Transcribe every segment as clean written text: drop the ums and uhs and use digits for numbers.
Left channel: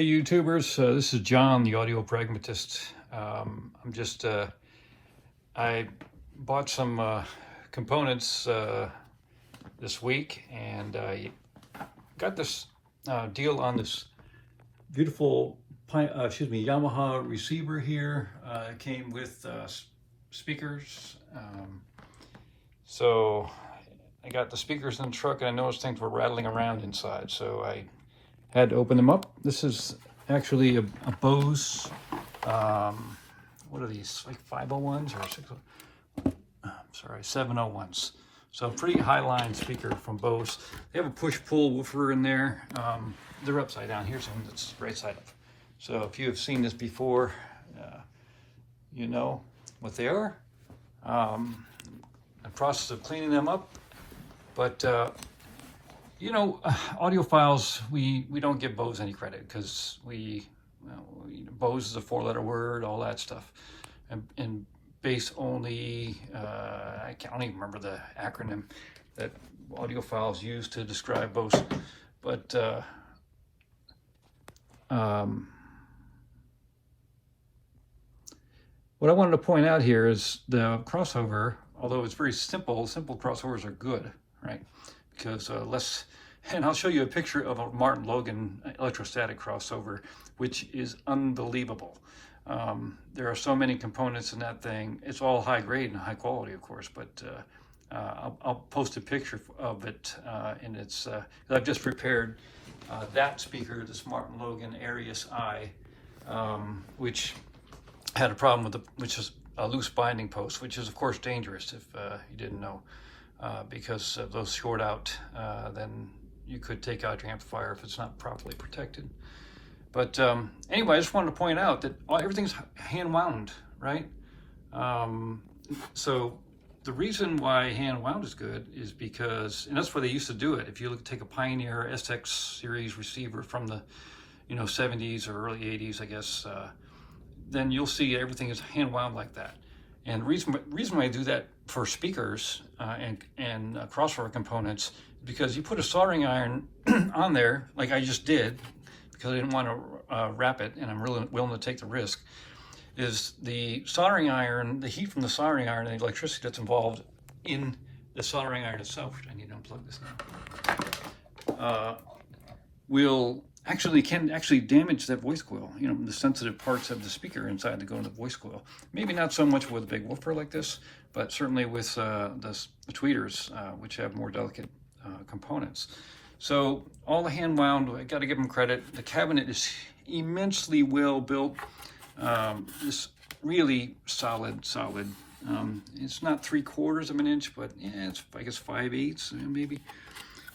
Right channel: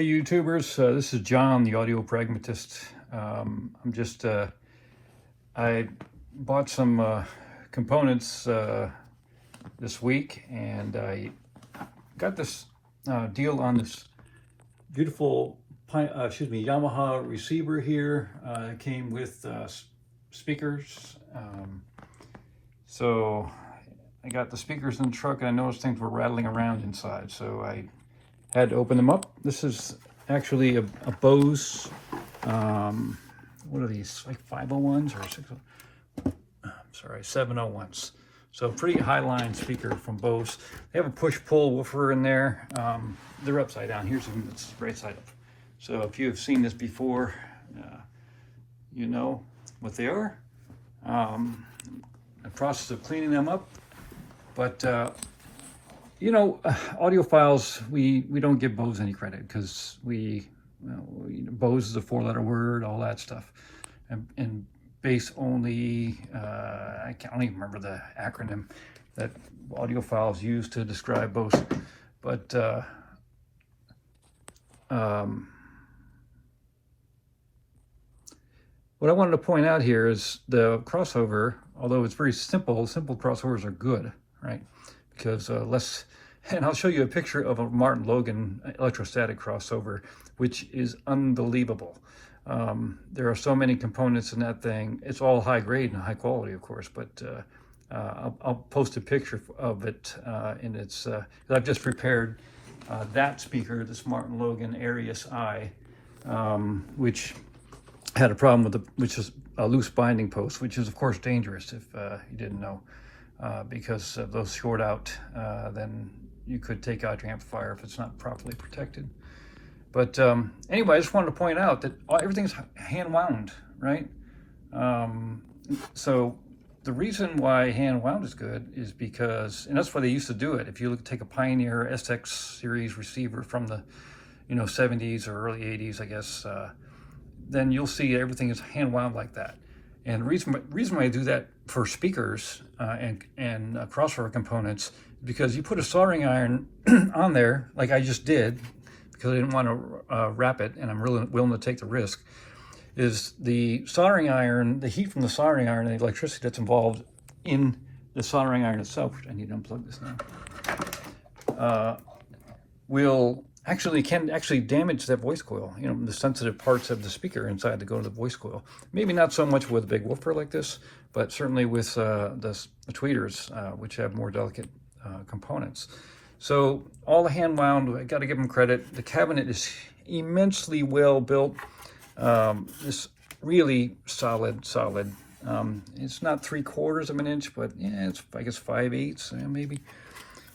Hey YouTubers, this is John, the Audio Pragmatist. I bought some components this week, and I got this deal on this beautiful Yamaha receiver here. It came with speakers. So I got the speakers in the truck, and I noticed things were rattling around inside, so I had to open them up. This is actually a Bose, what are these, like 501s or 701s. So pretty high line speaker from Bose. They have a push-pull woofer in there. They're upside down. Here's one that's right side up. So if you have seen this before, you know what they are. The process of cleaning them up, but you know, audiophiles, we don't give Bose any credit because Bose is a 4-letter word, all that stuff. And bass only, I don't even remember the acronym that audiophiles use to describe Bose. But what I wanted to point out here is the crossover, although it's very simple crossovers are good, right? Because and I'll show you a picture of a Martin Logan electrostatic crossover, which is unbelievable. There are so many components in that thing. It's all high grade and high quality, of course, but I'll post a picture of it in its, I've just prepared that speaker, this Martin Logan Arius I, which had a problem with which is a loose binding post, which is of course dangerous if you didn't know. Because if those short out, then you could take out your amplifier if it's not properly protected. But anyway, I just wanted to point out that everything's hand wound, right? So the reason why hand wound is good is because, and that's why they used to do it. If you take a Pioneer SX series receiver from the 70s or early 80s, I guess, then you'll see everything is hand wound like that. And the reason why I do that for speakers and crossover components is because you put a soldering iron on there, like I just did, because I didn't want to wrap it, and I'm really willing to take the risk, is the soldering iron, the heat from the soldering iron and the electricity that's involved in the soldering iron itself, which I need to unplug this now, can actually damage that voice coil, the sensitive parts of the speaker inside that go to the voice coil. Maybe not so much with a big woofer like this, but certainly with the tweeters, which have more delicate components. So all the hand wound, I got to give them credit. The cabinet is immensely well built. It's really solid. It's not 3/4 of an inch, but yeah, it's, I guess, 5/8 maybe.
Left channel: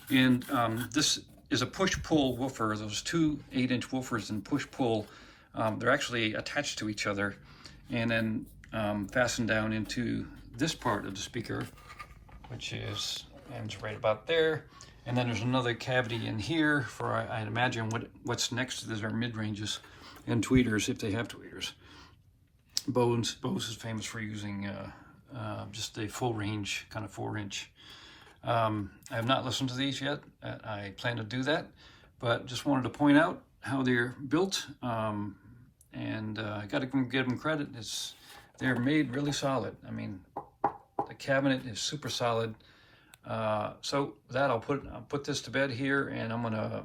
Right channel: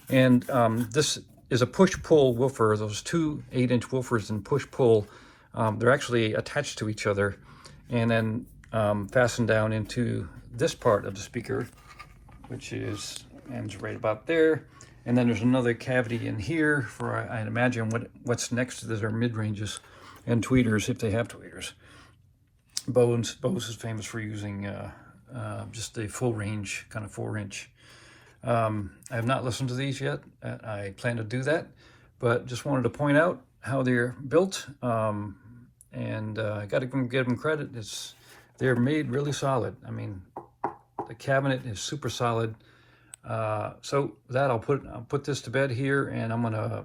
And this is a push-pull woofer. Those two 8-inch woofers and push-pull, they're actually attached to each other and then fastened down into this part of the speaker, which ends right about there. And then there's another cavity in here for, I'd imagine, what's next to this are mid-ranges and tweeters, if they have tweeters. Bose is famous for using just a full range, kind of 4-inch. I have not listened to these yet. I plan to do that, but just wanted to point out how they're built. And I got to give them credit. They're made really solid. I mean, the cabinet is super solid. So with that, I'll put this to bed here, and I'm gonna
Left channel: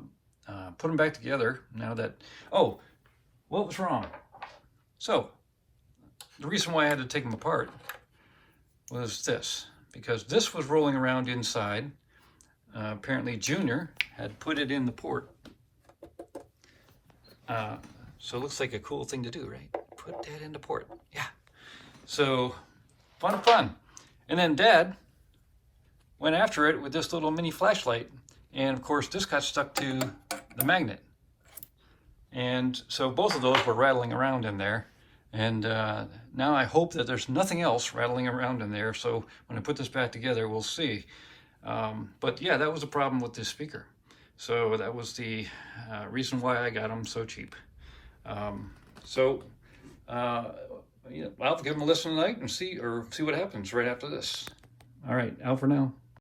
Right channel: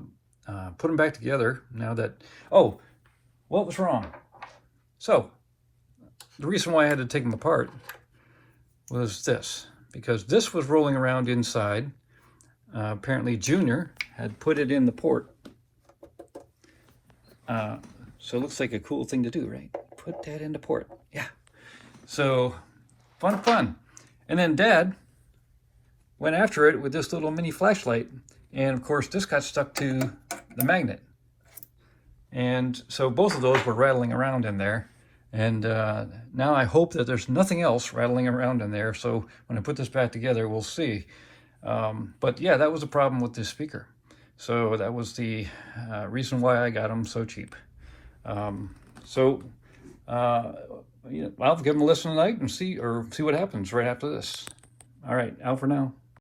put them back together now that, oh, what was wrong? So the reason why I had to take them apart was this, because this was rolling around inside. Apparently Junior had put it in the port. So it looks like a cool thing to do, right? Put that in the port, yeah. So fun. And then Dad went after it with this little mini flashlight, and of course this got stuck to the magnet. And so both of those were rattling around in there. And now I hope that there's nothing else rattling around in there. So when I put this back together, we'll see. But yeah, that was a problem with this speaker. So that was the reason why I got them so cheap. I'll give them a listen tonight and see what happens right after this. All right, out for now.